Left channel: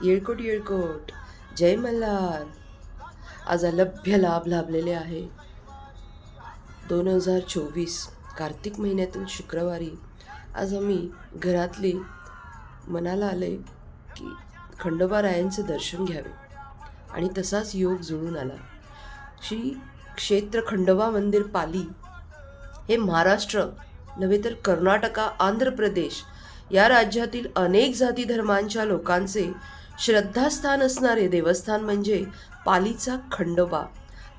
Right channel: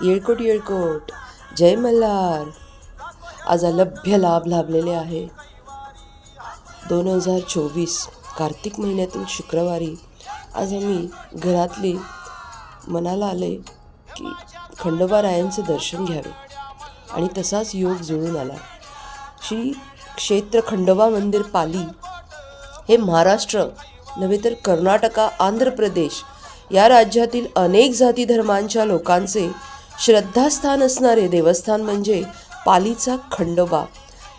येळकोट येळकोट. जय मल्हार. आज अलभ्य लाभ लाभलेले आहे. दोन हजार चोवीस कार्तिक महिन्यातील शुक्रवारी आज आम्ही घरातली मनाला आले की खंडोबारायांचं दर्शन घ्यावे. आणि तसाच योग जुळून आला. श्री क्षेत्र खंडोबा मंदिर पाली हे महाराष्ट्र नव्हे तर कर्नाटका आंध्र प्रदेश या राज्यातील अनेक जाती धर्मांच्या लोकांचे श्रद्धास्थान असणारे देवस्थान म्हणजे पालीचा खंडोबा.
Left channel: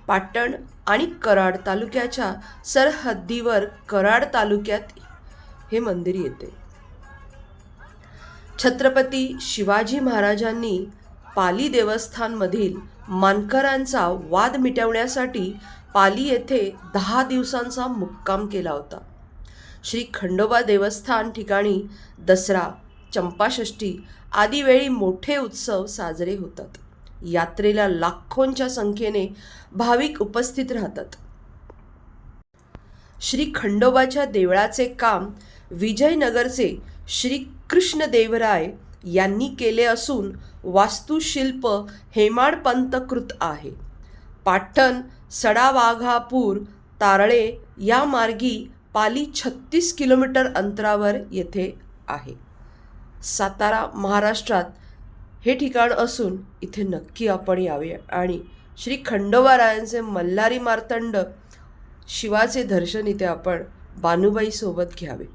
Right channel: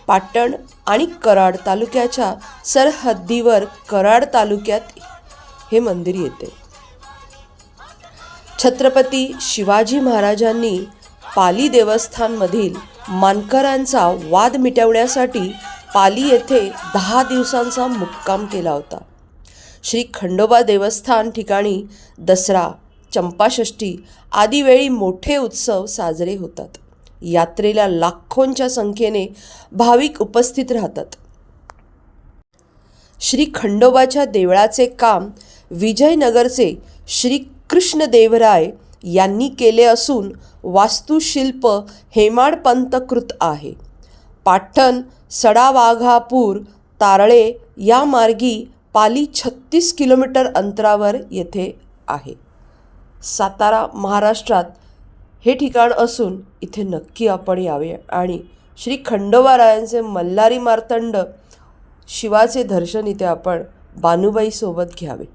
पाटण आणि कराड तालुक्याच्या सरहद्दीवर कराड तालुक्यात हे मंदिर येते. छत्रपती शिवाजी महाराजांनी पाली देवस्थानमधील मानकरांचा वाद मिटवण्यासाठी पाली येथे दहा दिवसांचा मुक्काम केला होता. श्री खंडोबा देवस्थान ठिकाणी दसरा चंपाषष्ठी आदी वेळी मोठे उत्सव साजरे होतात. यात्रेला लाखोंच्या संख्येने भाविक उपस्थित राहतात. श्री खंडोबाच्या देवळाचे काम विजयनगरचे श्री कृष्णदेवराय यांनी केले असून वास्तुशिल्प हेमाडपंतकृत आहे. पाटण सडावाघापूर तारळे या मार्गी पाली छत्तीस किलोमीटर अंतरावर येथे आहे. सातारा महाराष्ट्रात हे ठिकाण असून इथे नक्की आपण यावे. आणि श्री खंडोबारायांचे मल्हारी मार्तंड शिवाचे दर्शन इथे आपण बानुबाईसोबत घ्यावे.